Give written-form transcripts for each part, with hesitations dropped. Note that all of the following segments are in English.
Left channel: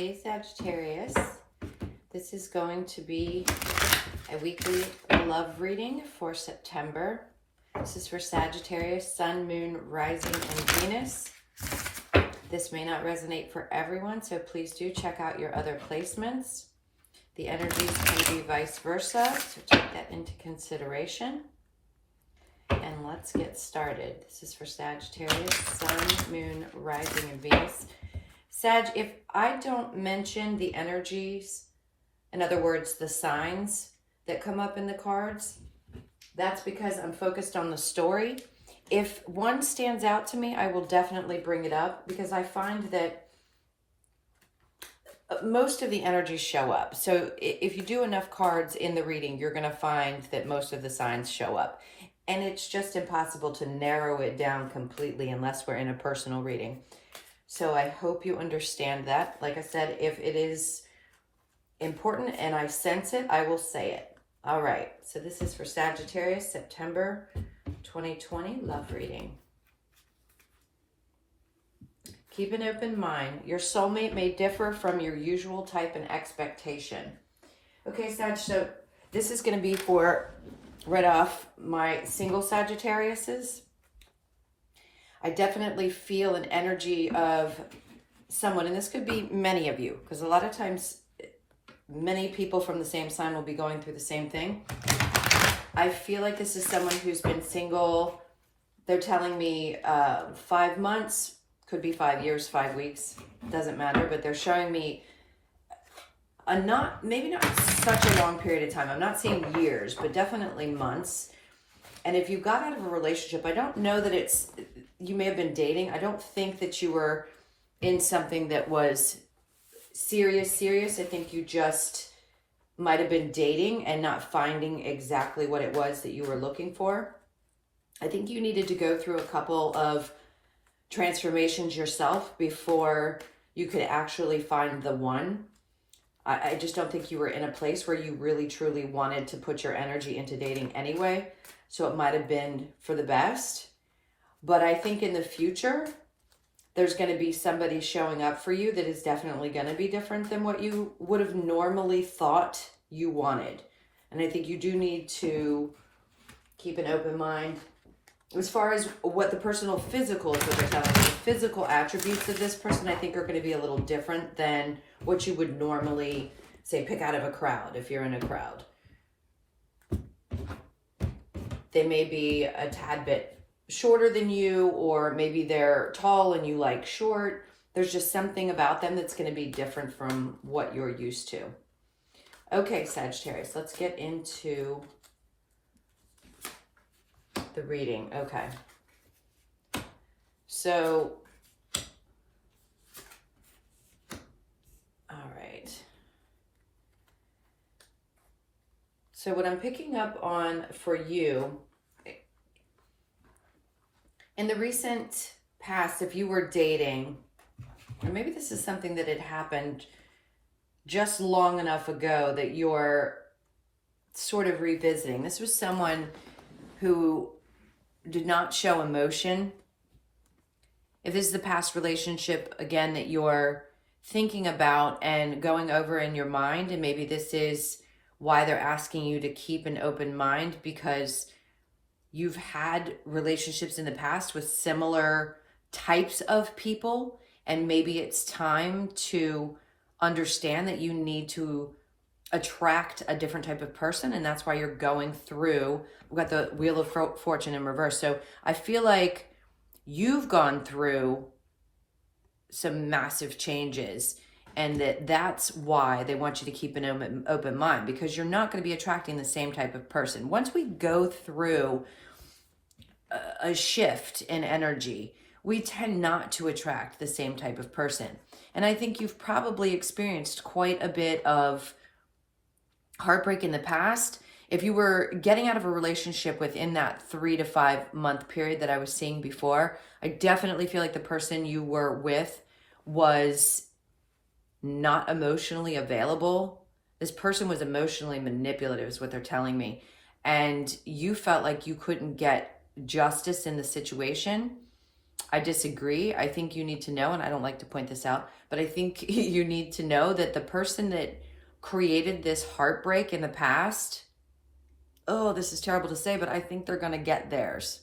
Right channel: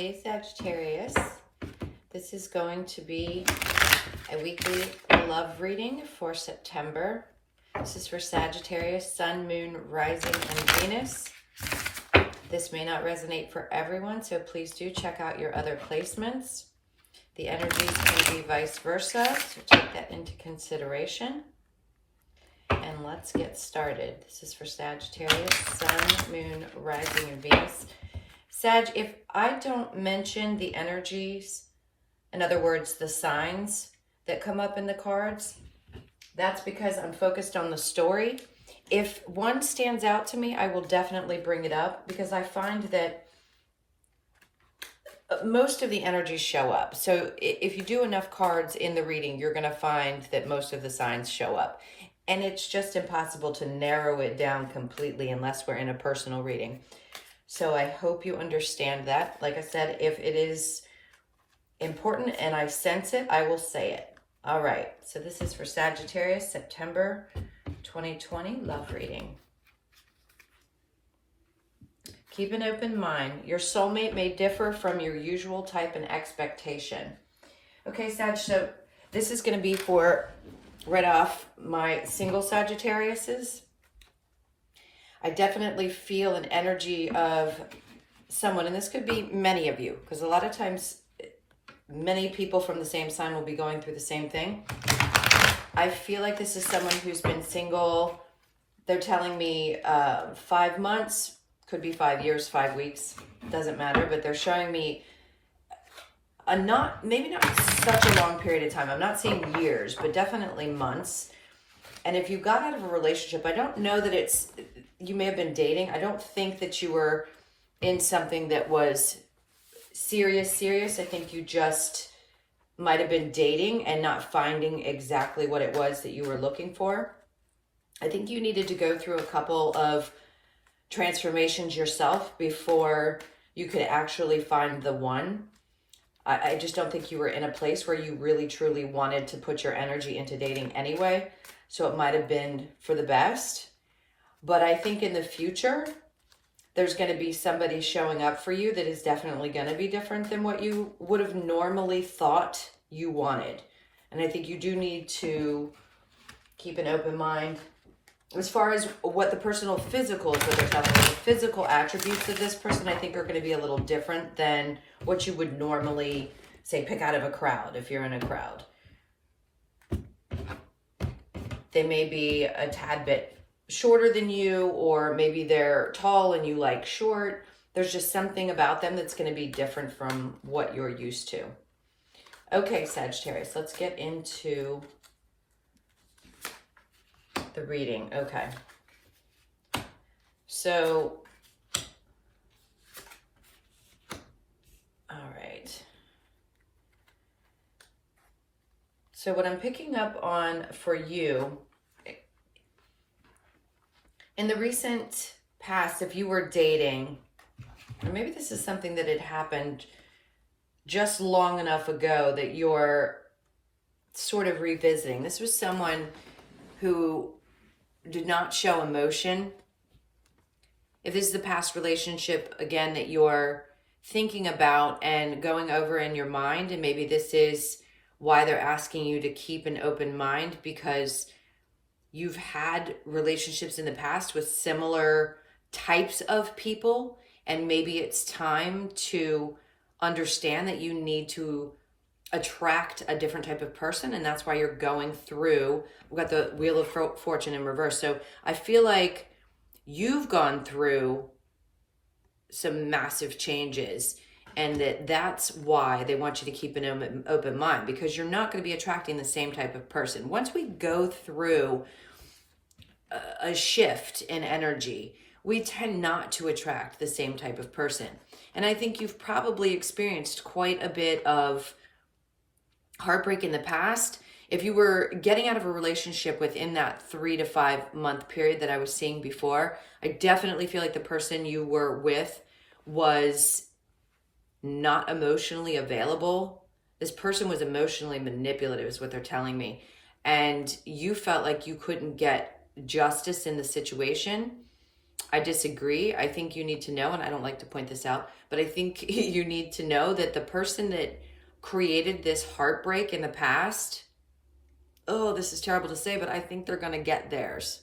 Hey Sagittarius, this is going to be a weekly love reading for September. This is for Sagittarius, Sun, Moon, Rising, and Venus. This may not resonate for everyone, so please do check out your other placements. The energies can be vice versa, so take that into consideration. And let's get started. This is for Sagittarius, Sun, Moon, Rising, and Venus. Sag, if I don't mention the energies, in other words, the signs that come up in the cards, that's because I'm focused on the story. If one stands out to me, I will definitely bring it up because I find that most of the energies show up. So if you do enough cards in the reading, you're going to find that most of the signs show up. And it's just impossible to narrow it down completely unless we're in a personal reading. So I hope you understand that. Like I said, if it is important and I sense it, I will say it. All right. So this is for Sagittarius, September 2020 love reading. Keep an open mind. Your soulmate may differ from your usual type and expectation. Okay, Sag, so this is going to be for, right off, my single Sagittariuses. I definitely feel an energy of someone, and this could be many of you, because a lot of times many people from the same sign will be going through the same thing. I feel like this is someone who's been single. They're telling me 5 months, could be 5 years, 5 weeks, doesn't matter, but they're showing me maybe not such a long period of time. I'm not saying years, but definitely months. And if you got out of a relationship, I don't know that you may have been dating. I don't think that you were in something that was serious. I think you just might have been dating and not finding exactly what it was that you were looking for. I think you needed to go through a couple of transformations yourself before you could actually find the one. I just don't think you were in a place where you really truly wanted to put your energy into dating anyway. So it might have been for the best. But I think in the future, there's going to be somebody showing up for you that is definitely going to be different than what you would have normally thought you wanted. And I think you do need to keep an open mind. As far as what the personal physicals that they're telling you, the physical attributes of this person, I think are going to be a little different than what you would normally, say, pick out of a crowd if you're in a crowd. They may be a tad bit shorter than you, or maybe they're tall and you like short. There's just something about them that's going to be different from what you're used to. Okay, Sagittarius, let's get into the reading. Okay. So, all right. So what I'm picking up on for you, in the recent past, if you were dating, or maybe this is something that had happened just long enough ago that you're sort of revisiting. This was someone who did not show emotion. If this is the past relationship, again, that you're thinking about and going over in your mind, and maybe this is why they're asking you to keep an open mind, because you've had relationships in the past with similar types of people, and maybe it's time to understand that you need to attract a different type of person, and that's why you're going through, we've got the Wheel of Fortune in reverse. So I feel like you've gone through some massive changes, and that's why they want you to keep an open mind, because you're not going to be attracting the same type of person. Once we go through a shift in energy, we tend not to attract the same type of person. And I think you've probably experienced quite a bit of heartbreak in the past. If you were getting out of a relationship within that 3 to 5 month period that I was seeing before, I definitely feel like the person you were with was not emotionally available. This person was emotionally manipulative, is what they're telling me. And you felt like you couldn't get justice in the situation. I disagree. I think you need to know, and I don't like to point this out, but I think you need to know that the person that created this heartbreak in the past, oh, this is terrible to say, but I think they're going to get theirs.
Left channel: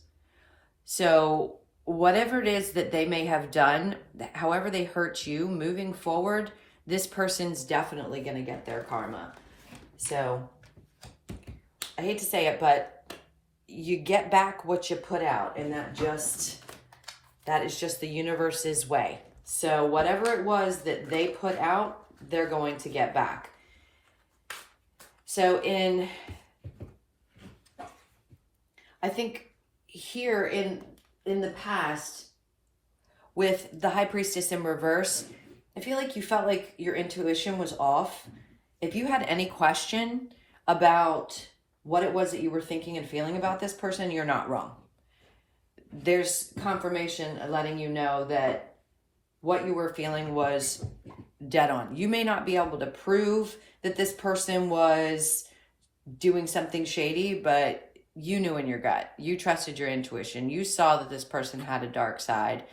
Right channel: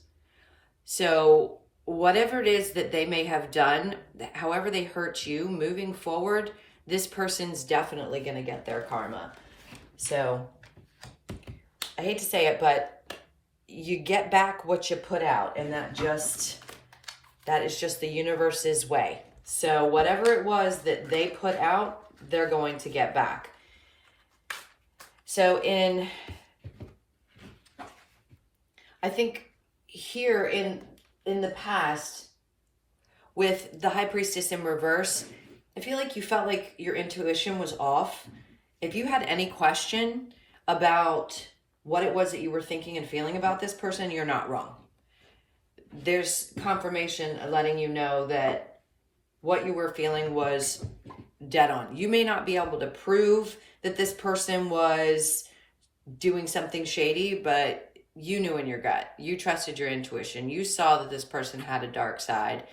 So whatever it is that they may have done, however they hurt you, moving forward, this person's definitely going to get their karma. So I hate to say it, but you get back what you put out, and that is just the universe's way. So whatever it was that they put out, they're going to get back. So I think here in the past, with the High Priestess in reverse, I feel like you felt like your intuition was off. If you had any question about what it was that you were thinking and feeling about this person, you're not wrong. There's confirmation letting you know that what you were feeling was dead on. You may not be able to prove that this person was doing something shady, but you knew in your gut. You trusted your intuition. You saw that this person had a dark side.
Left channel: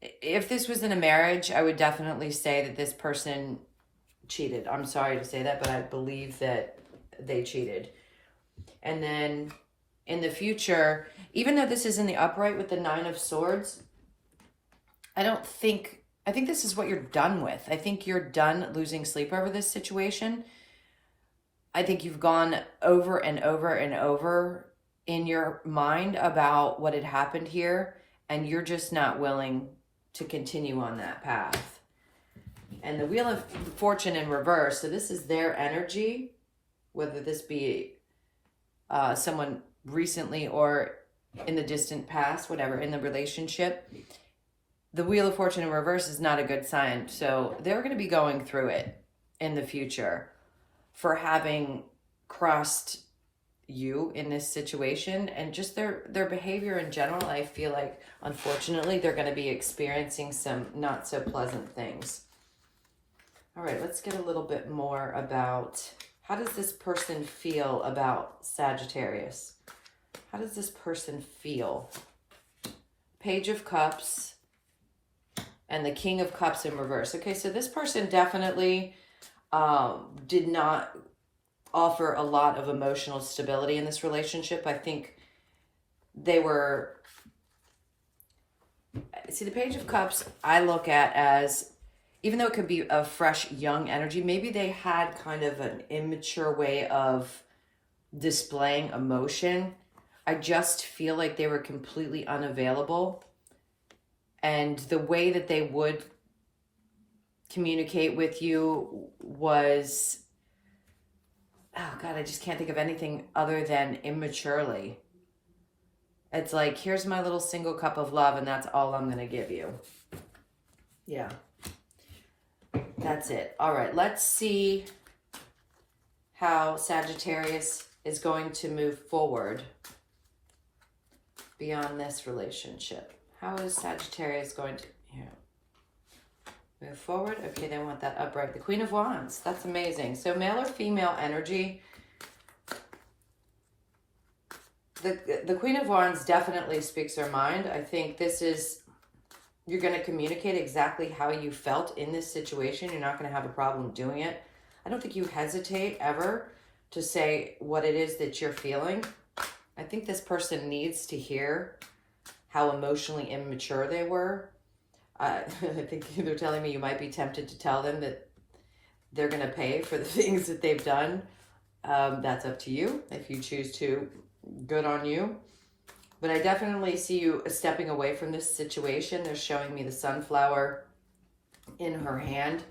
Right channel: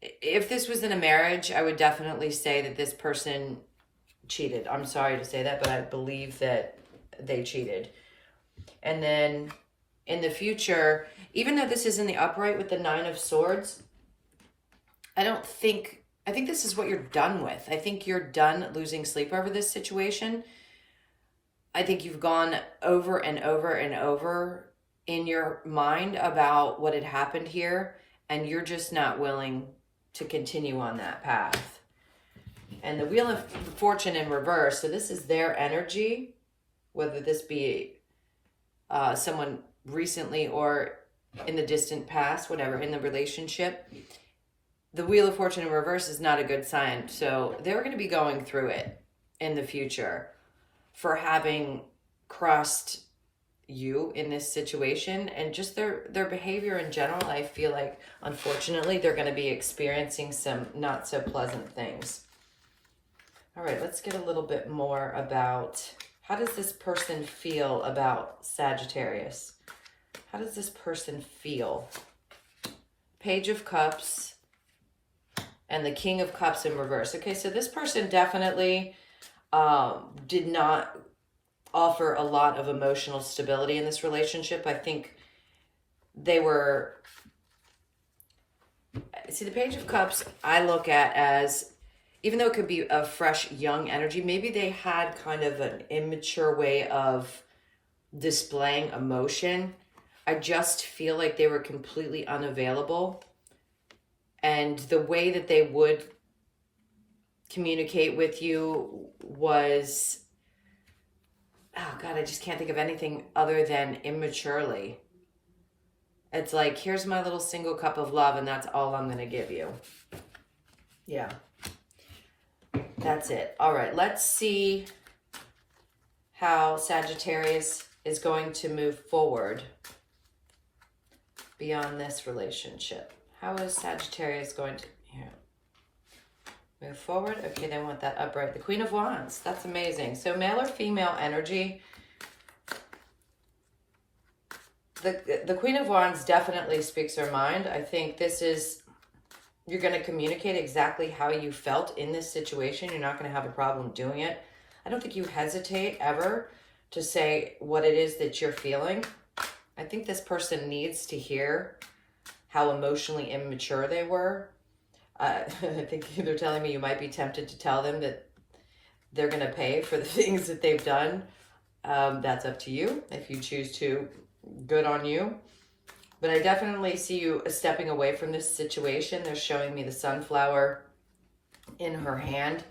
If this was in a marriage, I would definitely say that this person cheated. I'm sorry to say that, but I believe that they cheated. And then in the future, even though this is in the upright with the 9 of Swords, I think this is what you're done with. I think you're done losing sleep over this situation. I think you've gone over and over and over in your mind about what had happened here, and you're just not willing to continue on that path. And the Wheel of Fortune in reverse, so this is their energy, whether this be someone recently or in the distant past, whatever, in the relationship. The Wheel of Fortune in reverse is not a good sign. So they're going to be going through it in the future for having crossed you in this situation, and just their behavior in general. I feel like, unfortunately, they're going to be experiencing some not so pleasant things. All right, let's get a little bit more about how does this person feel about Sagittarius? How does this person feel? Page of Cups and the King of Cups in reverse. Okay, so this person definitely did not offer a lot of emotional stability in this relationship. I think they were... See, the Page of Cups I look at as, even though it could be a fresh, young energy, maybe they had kind of an immature way of displaying emotion. I just feel like they were completely unavailable. And the way that they would communicate with you was, oh God, I just can't think of anything other than immaturely. It's like, here's my little single cup of love, and that's all I'm going to give you. Yeah. That's it. All right, let's see how Sagittarius is going to move forward beyond this relationship. How is Sagittarius going to move forward? Okay, they want that upright. The Queen of Wands. That's amazing. So male or female energy. The Queen of Wands definitely speaks her mind. I think this is, you're going to communicate exactly how you felt in this situation. You're not going to have a problem doing it. I don't think you hesitate ever to say what it is that you're feeling. I think this person needs to hear how emotionally immature they were. I think they're telling me you might be tempted to tell them that they're going to pay for the things that they've done. That's up to you. If you choose to, good on you. But I definitely see you stepping away from this situation. They're showing me the sunflower in her hand.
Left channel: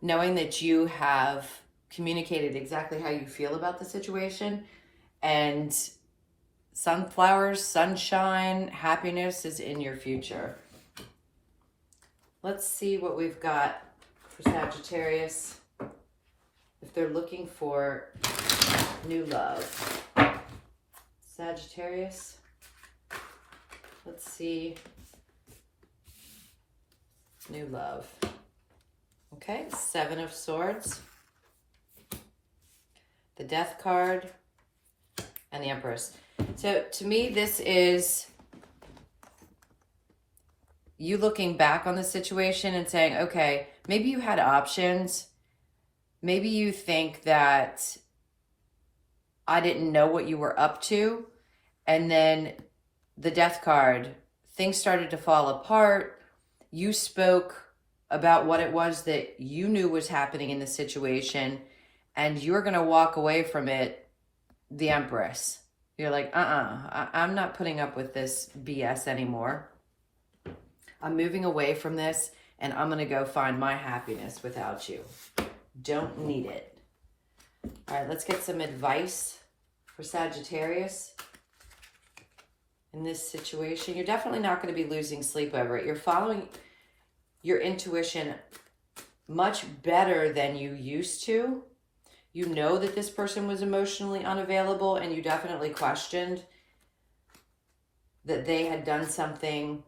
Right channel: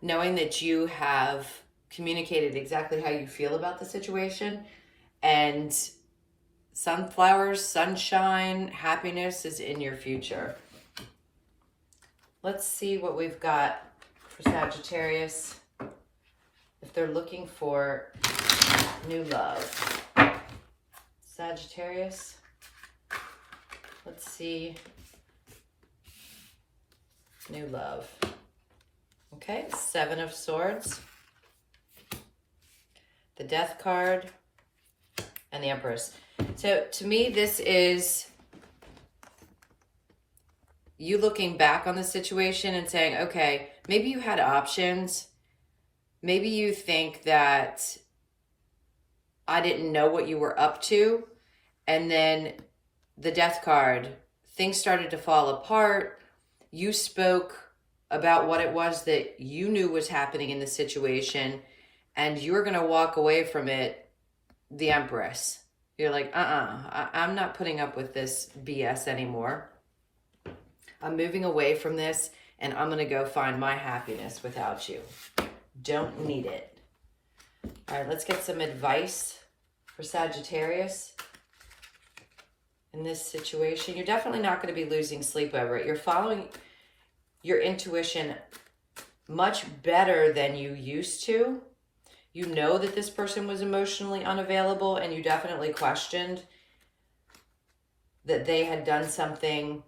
Knowing that you have communicated exactly how you feel about the situation. And sunflowers, sunshine, happiness is in your future. Let's see what we've got for Sagittarius. If they're looking for new love. Sagittarius. Let's see. New love. Okay, 7 of Swords. The Death card. And the Empress. So to me, this is you looking back on the situation and saying, okay, maybe you had options. Maybe you think that I didn't know what you were up to. And then the death card, things started to fall apart. You spoke about what it was that you knew was happening in the situation, and you're going to walk away from it the Empress. You're like, I'm not putting up with this BS anymore. I'm moving away from this, and I'm going to go find my happiness without you. Don't need it. All right, let's get some advice for Sagittarius in this situation. You're definitely not going to be losing sleep over it. You're following your intuition much better than you used to. You know that this person was emotionally unavailable, and you definitely questioned that they had done something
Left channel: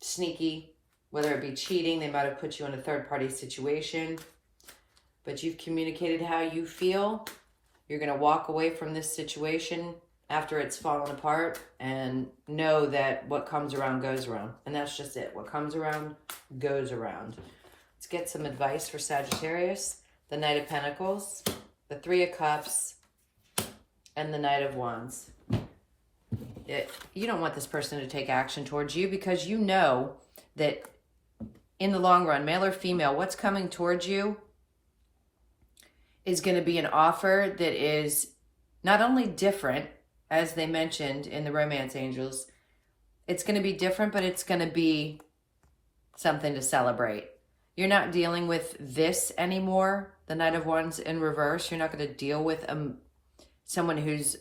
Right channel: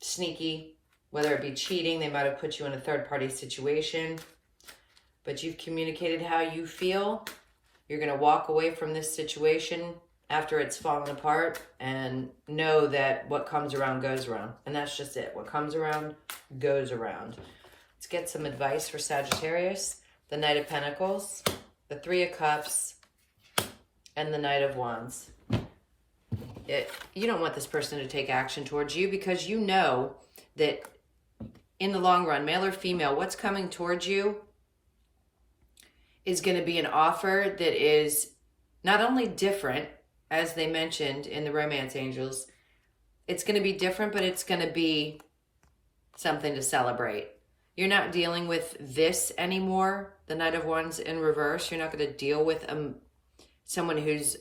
sneaky, whether it be cheating, they might have put you in a third-party situation, but you've communicated how you feel. You're going to walk away from this situation after it's fallen apart and know that what comes around goes around. And that's just it. What comes around goes around. Let's get some advice for Sagittarius. The Knight of Pentacles, the Three of Cups, and the Knight of Wands. You don't want this person to take action towards you because you know that in the long run, male or female, what's coming towards you is going to be an offer that is not only different, as they mentioned in the Romance Angels, it's going to be different, but it's going to be something to celebrate. You're not dealing with this anymore, the Knight of Wands in reverse. You're not going to deal with someone who's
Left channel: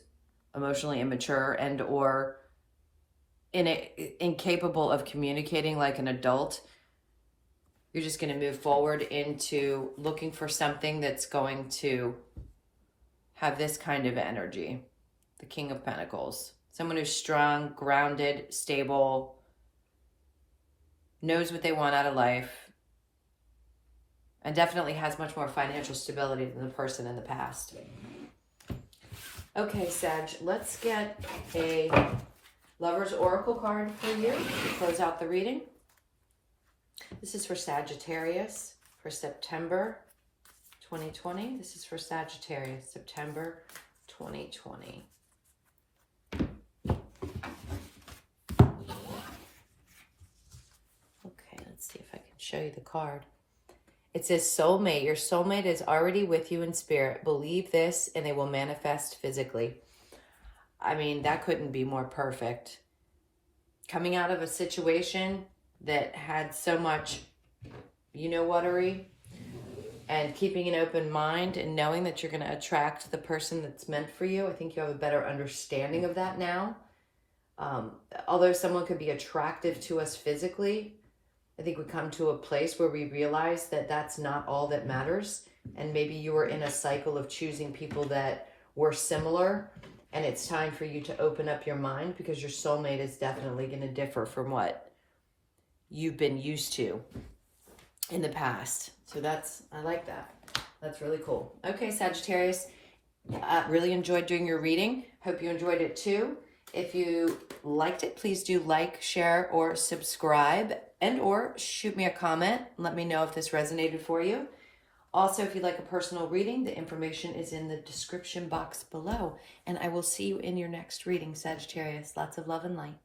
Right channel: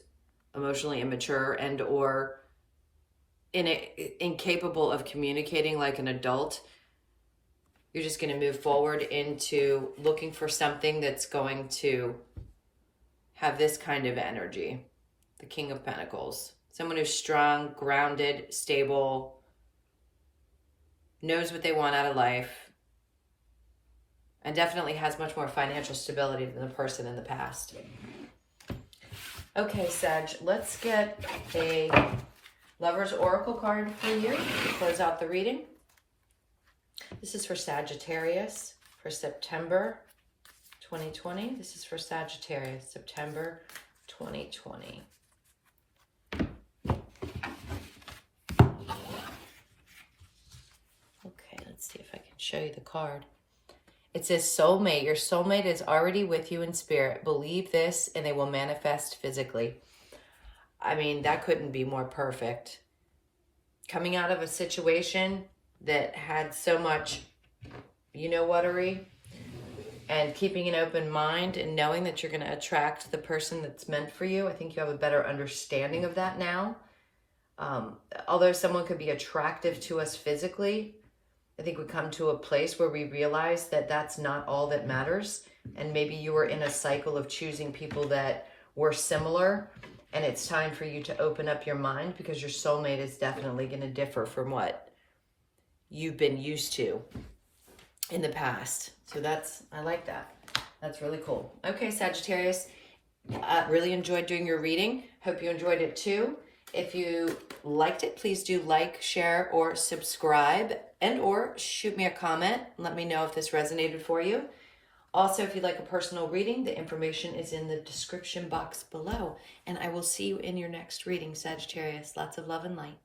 emotionally immature and or incapable of communicating like an adult. You're just going to move forward into looking for something that's going to have this kind of energy. The King of Pentacles. Someone who's strong, grounded, stable, knows what they want out of life, and definitely has much more financial stability than the person in the past. Okay, Sag, let's get a Lover's Oracle card for you to close out the reading. This is for Sagittarius for September 2020. This is for Sagittarius, September 2020. Okay, let's see if I can show you the card. It says soulmate. Your soulmate is already with you in spirit. Believe this and they will manifest physically. I mean, that couldn't be more perfect. Coming out of a situation that had so much you-know-whatery, and keeping an open mind and knowing that you're going to attract the person that's meant for you. I think you have a better understanding of that now. Although someone could be attractive to us physically, I think we come to a place where we realize that that's not all that matters. And maybe you were in a cycle of choosing people that were similar, and it's time for you to open up your mind because your soulmate is definitely going to differ from what you've been used to in the past. So I like that. That's really cool. Okay, Sagittarius, really enjoyed doing your reading. Hope you enjoyed it too. If you liked it, please do like, share, or subscribe, and or shoot me a comment. Let me know if this resonated for you. Also, if you'd like a personal reading, the information is in the description box below. And I will see you in your next reading, Sagittarius. Lots of love and light.